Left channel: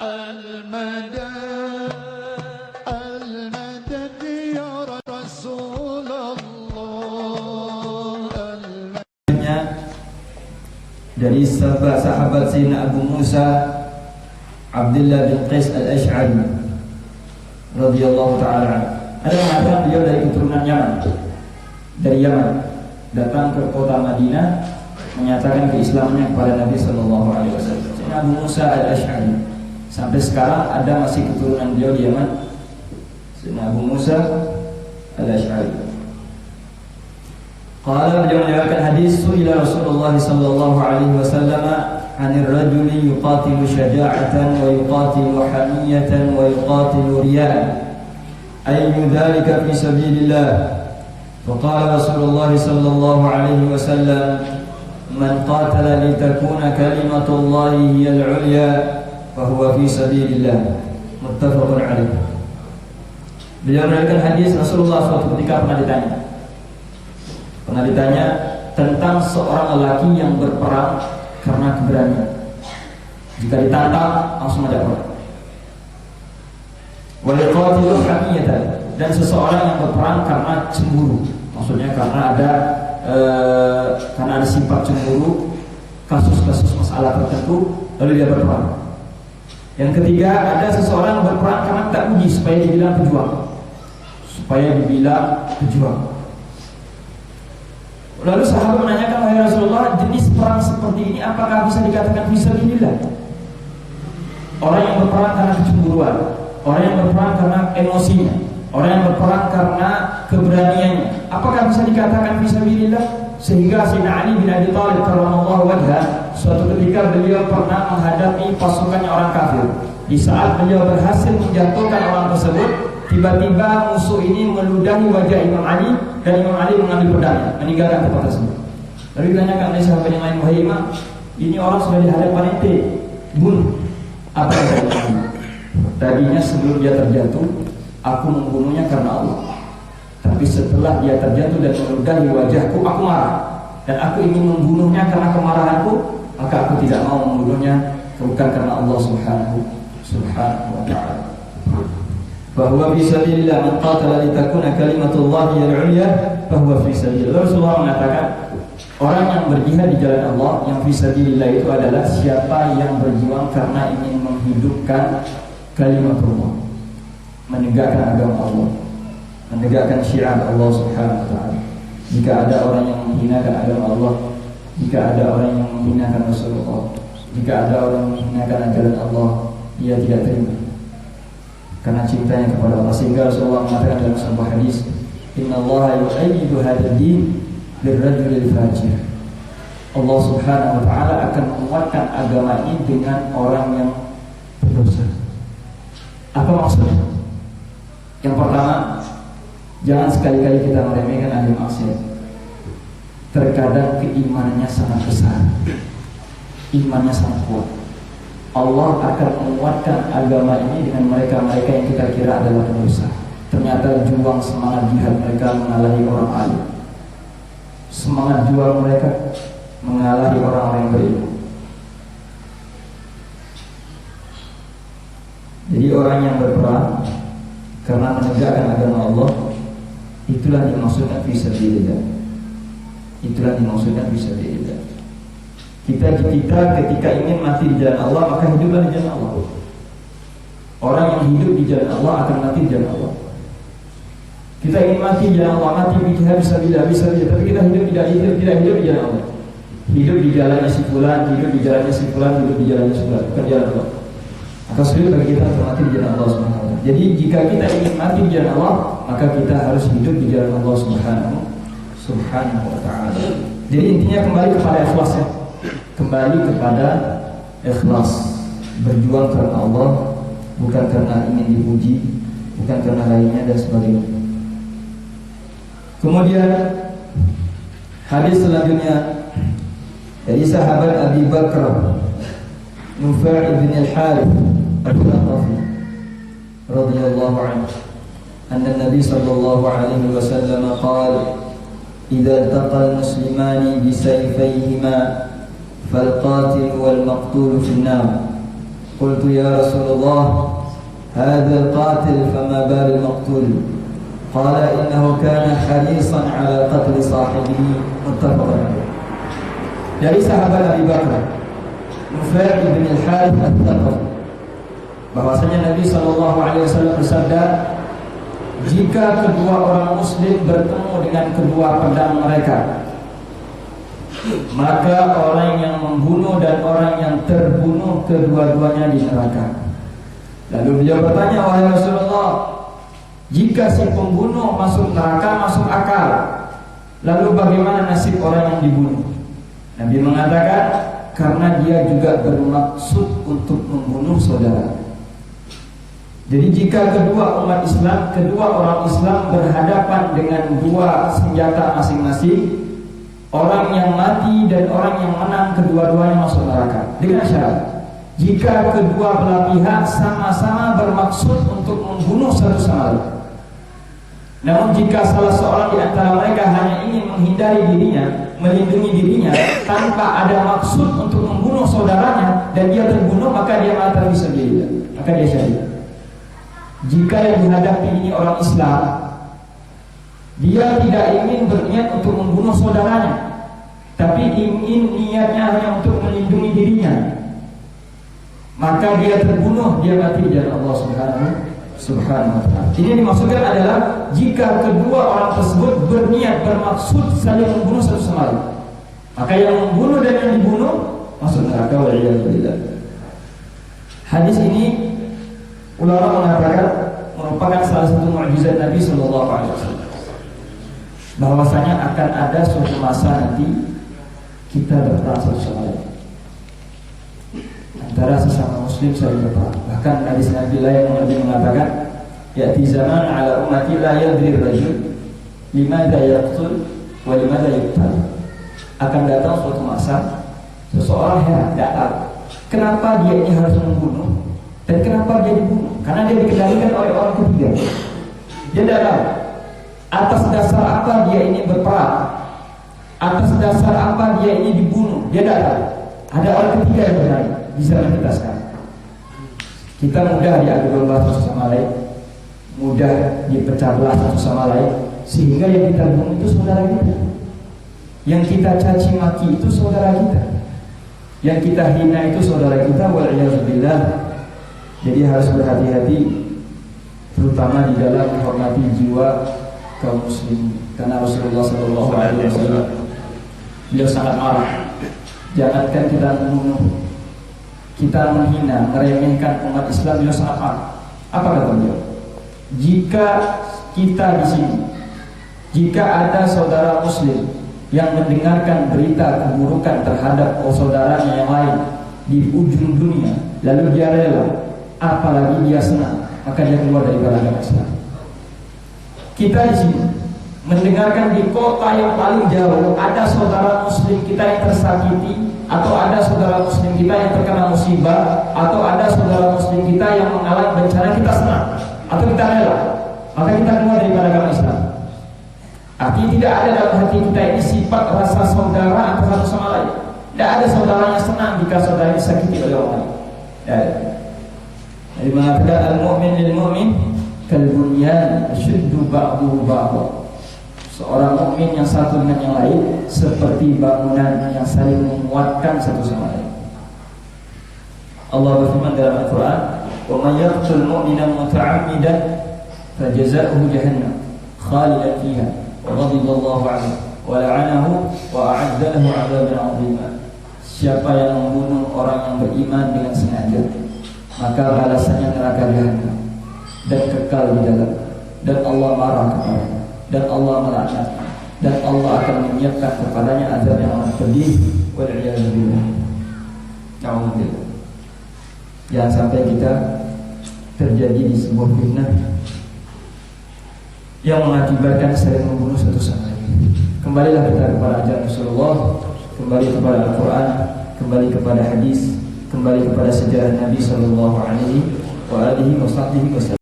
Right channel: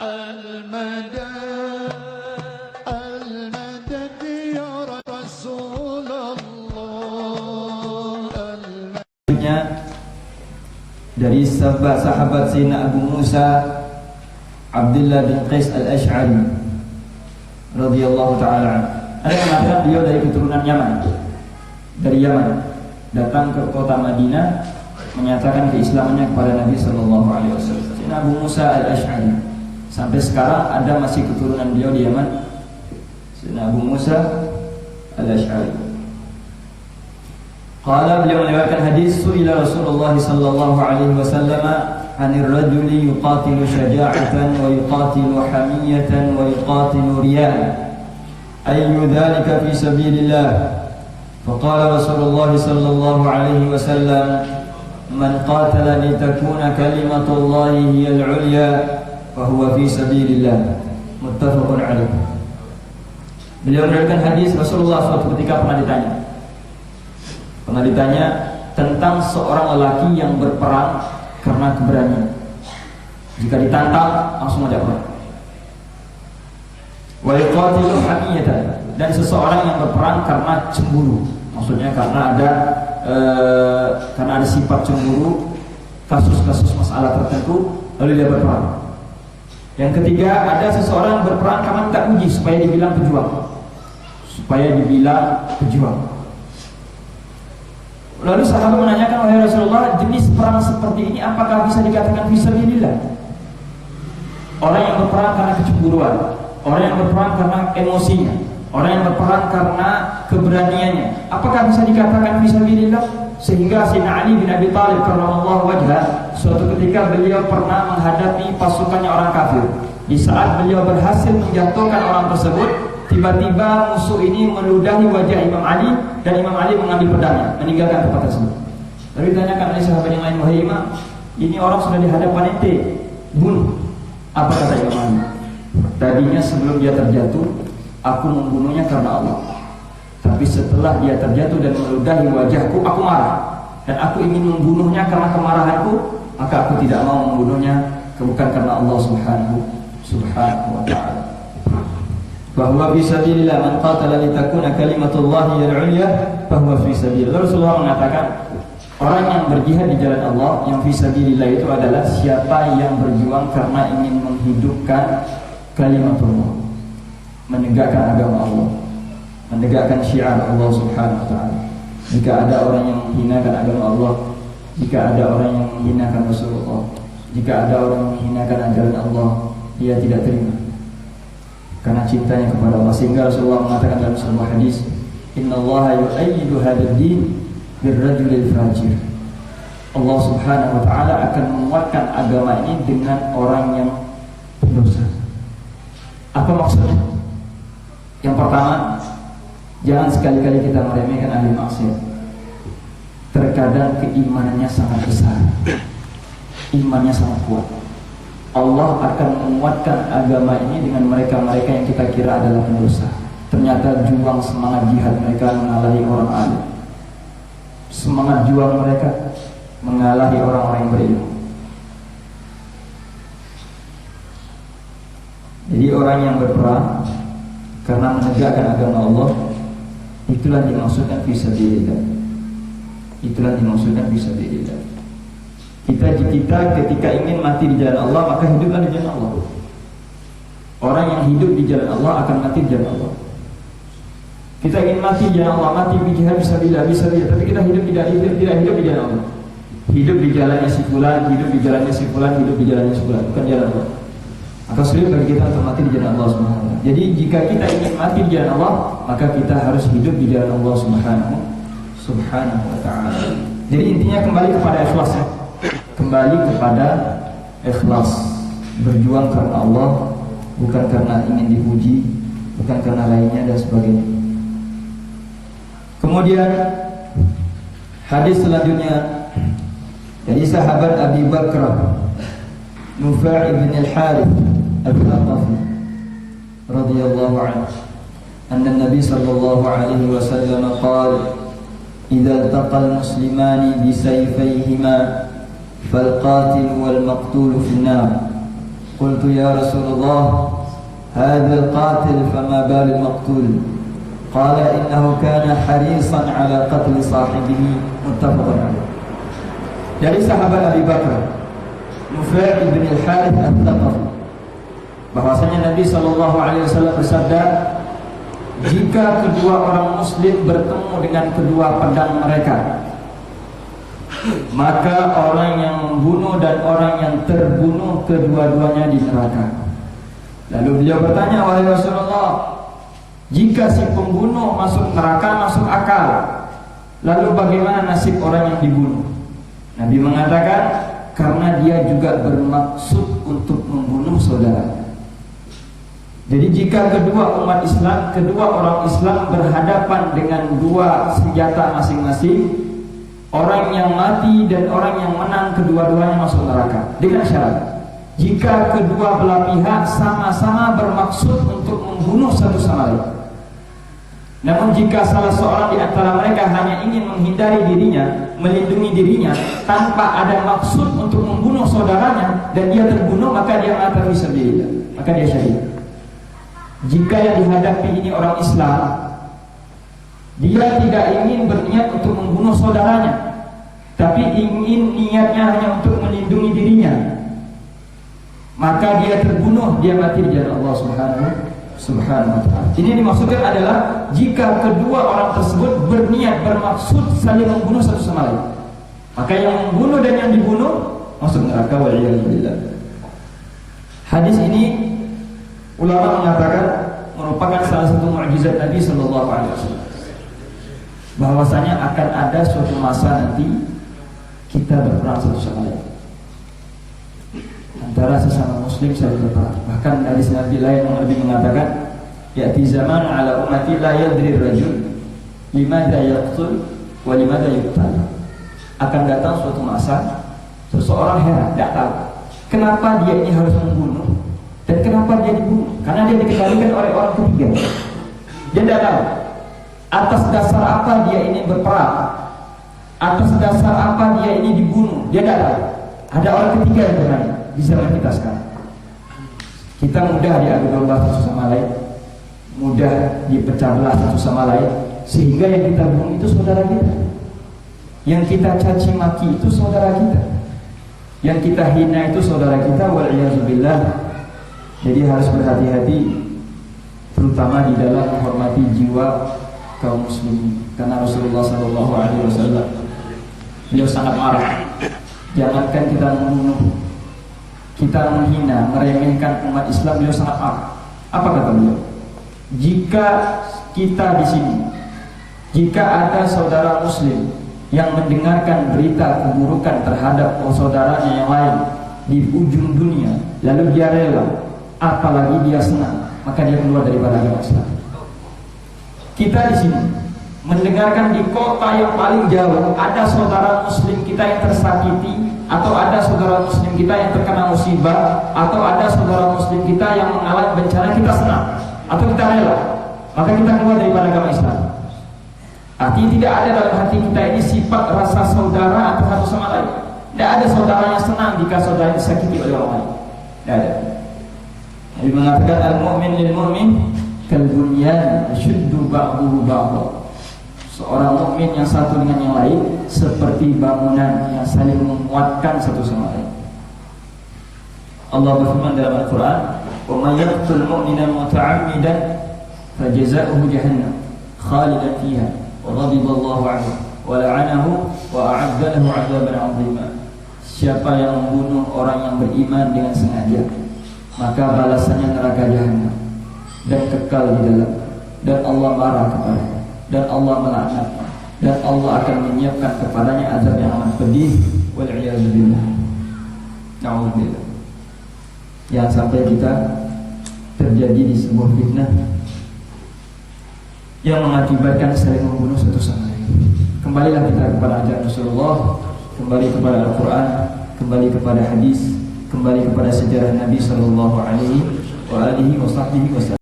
المدد يا رسول الله. Dari sahabat Sayyidina Abu Musa Abdullah bin Qais al-Ash'ari radhiyallahu ta'ala. Ada yang mengatakan beliau dari keturunan Yaman, dari Yaman, datang ke kota Madinah menyatakan keislamannya kepada Nabi sallallahu alaihi wasallam. Sayyidina Abu Musa al-Ash'ari sampai sekarang ada masih keturunan beliau di Yaman. Sayyidina Abu Musa al-Ash'ari. Qala, beliau meriwayatkan hadis, su'ila Rasulullah sallallahu alaihi wasallam 'anil rajuli yuqatilu syaja'atan wa yuqatilu hamiyatan wa yuqatilu riya'an ayyu dhalika fi sabilillah. Faqala Rasulullah sallallahu alaihi wasallam, man qatala litakuna kalimatullahi hiyal 'ulya fa huwa fi sabilillah. Muttafaqun alaih. Beliau meriwayatkan hadis, Rasulullah suatu ketika pernah ditanya tentang seorang lelaki yang berperang karena keberanian. Jika ditantang langsung aja perang. Wa yuqatilu hamiyatan, dan seseorang yang berperang karena cemburu. Maksudnya karena ada sifat cemburu, kasus-kasus masalah tertentu, lalu dia berperang. Yang ketiga, ada seseorang berperang karena tak uji supaya dibilang pejuang. Lalu sahabat menanyakan, wahai Rasulullah, jenis perang seperti ini apakah bisa dikatakan fisabilillah? Orang yang berperang karena kecemburuan, orang yang berperang karena emosinya, orang yang berperang karena keberaniannya, apakah bisa dikatakan fisabilillah? Sehingga Sayyidina Ali bin Abi Thalib karramallahu wajhah, suatu ketika beliau pernah menghadapi pasukannya orang kafir. Di saat beliau berhasil menjatuhkan orang tersebut, tiba-tiba musuh ini meludahi wajah Imam Ali, dan Imam Ali mengambil pedangnya, meninggalkan tempat tersebut. Lalu ditanyakan oleh sahabat yang lain, wahai Imam, ini orang sudah di hadapan ente, bunuh. Apa kata Imam Ali? Tadinya sebelum dia terjatuh, aku membunuhnya karena Allah. Tapi setelah dia terjatuh dan meludahi wajahku, aku marah, dan aku ingin membunuhnya karena kemarahanku, maka aku tidak mau membunuhnya bukan karena Allah subhanahu wa ta'ala. Bahwa fi sabilillah, man qatala litakuna kalimatullahi al-'ulya bahwa fi sabilillah. Rasulullah mengatakan, orang yang berjihad di jalan Allah, yang fi sabilillah itu adalah siapa yang berjuang karena ingin menghidupkan kalimatullah, menegakkan agama Allah, menegakkan syiar Allah subhanahu wa ta'ala. Jika ada orang yang menghinakan agama Allah, jika ada orang yang menghinakan Rasulullah, jika ada orang yang menghinakan ajaran Allah, dia tidak terima karena cintanya kepada Allah. Sehingga Rasulullah mengatakan dalam sebuah hadis, innallaha yu'ayyidu hadzal din birrajulil fajir. Allah subhanahu wa ta'ala akan menguatkan agama ini dengan orang yang berdosa. Apa maksudnya? Yang pertama, jangan sekali-kali kita meremehkan ahli maksiat. Terkadang keimanannya sangat besar, imannya sangat kuat. Allah akan menguatkan agama ini dengan mereka-mereka yang kita kira adalah pendosa. Ternyata juang semangat jihad mereka mengalahi orang alim. Semangat juang mereka mengalahi orang-orang yang berilmu. Jadi orang yang berperang karena menegakkan agama Allah, itulah dimaksudkan fisabilillah. Itulah dimaksudkan fisabilillah. Kita ketika ingin mati di jalan Allah, maka hiduplah di jalan Allah. Orang yang hidup di jalan Allah akan mati di jalan Allah. Kita ingin mati di jalan Allah, mati di jihad fisabilillah, tapi kita tidak hidup di jalan Allah. Hidup di jalannya si fulan, hidup di jalannya si fulan, hidup di jalannya si fulan, bukan jalan Allah. Maka sulit bagi kita untuk mati di jalan Allah Subhanahu wa ta'ala. Jadi jika kita ingin mati di jalan Allah, maka kita harus hidup di jalan Allah Subhanahu wa ta'ala. Jadi intinya kembali kepada ikhlas ya. Kembali kepada ikhlas, berjuang karena Allah, bukan karena ingin dipuji, bukan karena lainnya dan sebagainya. Kemudian hadis selanjutnya dari sahabat Abi Bakrah Nufai bin al-Harith al-Thaqafi radhiyallahu anhu, anna Nabi sallallahu alaihi wasallam qala, idza iltaqa al-muslimani bi sayfayhima فالقاتل والمقتول في النار قلت يا رسول الله هذا القاتل فما بال المقتول قال إنه كان حريصا على قتل صاحبه متفق عليه. Dari sahabat Abi Bakar Nufai ibn al-Harith al-Thaqafi, bahwasanya Nabi SAW bersabda, jika kedua orang muslim bertemu dengan kedua pedang mereka, maka orang yang membunuh dan orang yang terbunuh kedua-duanya di neraka. Lalu beliau bertanya, wahai Rasulullah, jika si pembunuh masuk neraka masuk akal, lalu bagaimana nasib orang yang dibunuh? Nabi mengatakan, karena dia juga bermaksud untuk membunuh saudara. Jadi jika kedua umat Islam, kedua orang Islam berhadapan dengan dua senjata masing-masing, orang yang mati dan orang yang menang kedua-duanya masuk neraka. Dengan syarat, jika kedua belah pihak sama-sama bermaksud untuk membunuh satu sama lain. Namun jika salah seorang di antara mereka hanya ingin menghindari dirinya, melindungi dirinya, tanpa ada maksud untuk membunuh saudaranya, dan dia terbunuh, maka dia mati fisabilillah, maka dia syahid. Jika yang dihadapi ini orang Islam, dia tidak ingin berniat untuk membunuh saudaranya, tapi ingin niatnya hanya untuk melindungi dirinya, maka dia terbunuh, dia mati di jalan Allah Subhanahu wa ta'ala. Ini dimaksudkan adalah jika kedua orang tersebut berniat, bermaksud saling membunuh satu sama lain, maka yang membunuh dan yang dibunuh masuk neraka, waliyadzubillah. Hadis ini ulama mengatakan merupakan salah satu mukjizat Nabi sallallahu alaihi wasallam, bahwasanya akan ada suatu masa nanti kita berperang satu sama lain, antara sesama muslim saling berperang. Bahkan hadis Nabi lain yang lebih mengatakan, ya'ti zaman ala ummati la yadri rajul limadha yaqtul wa limadha yuqtal. Akan datang suatu masa seseorang heran, tidak tahu kenapa dia ini harus membunuh dan kenapa dia dibunuh, karena dia dikendalikan oleh orang ketiga. Dia tidak tahu atas dasar apa dia ini berperang, atas dasar apa dia ini dibunuh, dia tidak tahu. Ada orang ketiga yang bermain di zaman kita sekarang. Kita mudah diadu domba satu sama lain, mudah dipecah belah satu sama lain, sehingga yang kita bunuh itu saudara kita, yang kita caci maki itu saudara kita, yang kita hina itu saudara kita, waliyadzubillah. Jadi harus berhati-hati, terutama di dalam menghormati jiwa kaum muslimin, karena Rasulullah SAW beliau sangat marah. Jangankan kita membunuh, kita menghina, meremehkan umat Islam, beliau sangat marah. Apa kata beliau? Jika kita di sini, jika ada saudara muslim yang mendengarkan berita keburukan terhadap saudaranya yang lain di ujung dunia, lalu dia rela, apalagi dia senang, maka dia keluar daripada agama Islam. Kita di sini mendengarkan di kota yang paling jauh ada saudara muslim kita yang tersakiti, atau ada saudara muslim kita yang terkena musibah, atau ada saudara muslim kita yang mengalami bencana, kita senang atau kita rela, maka kita keluar daripada agama Islam. Artinya tidak ada dalam hati kita ini sifat rasa saudara atau satu sama lain. Tidak ada saudaranya senang jika saudara disakiti oleh orang lain. Tidak ada. Jadi mengatakan al-mu'min lil-mu'min kal-bunyan yashuddu ba'duhu ba'dha. Seorang mukmin yang satu dengan yang lain seperti bangunan yang saling menguatkan satu sama lain. Allah berfirman dalam Al-Quran, wa may yaqtul mu'mina muta'ammidan fajazaohu jahannam khalidan fiha wa ghadiba Allahu 'alaihi wa la'anahu wa a'adda lahu 'adzaban 'azima. Siapa yang membunuh orang yang beriman dengan sengaja, maka balasannya neraka jahanam dan kekal di dalam, dan Allah marah kepadanya, dan Allah melaknatnya, dan Allah akan menyiapkan kepadanya azab yang amat pedih. Wal'iyadzubillah. Na'udzubillah. Jangan sampai kita terjadi di sebuah fitnah yang mengakibatkan saling membunuh satu sama lain. Kembalilah kita kepada ajaran Rasulullah, kembali kepada Al-Quran, kembali kepada hadis, kembali kepada sejarah Nabi Sallallahu Alaihi Wasallam.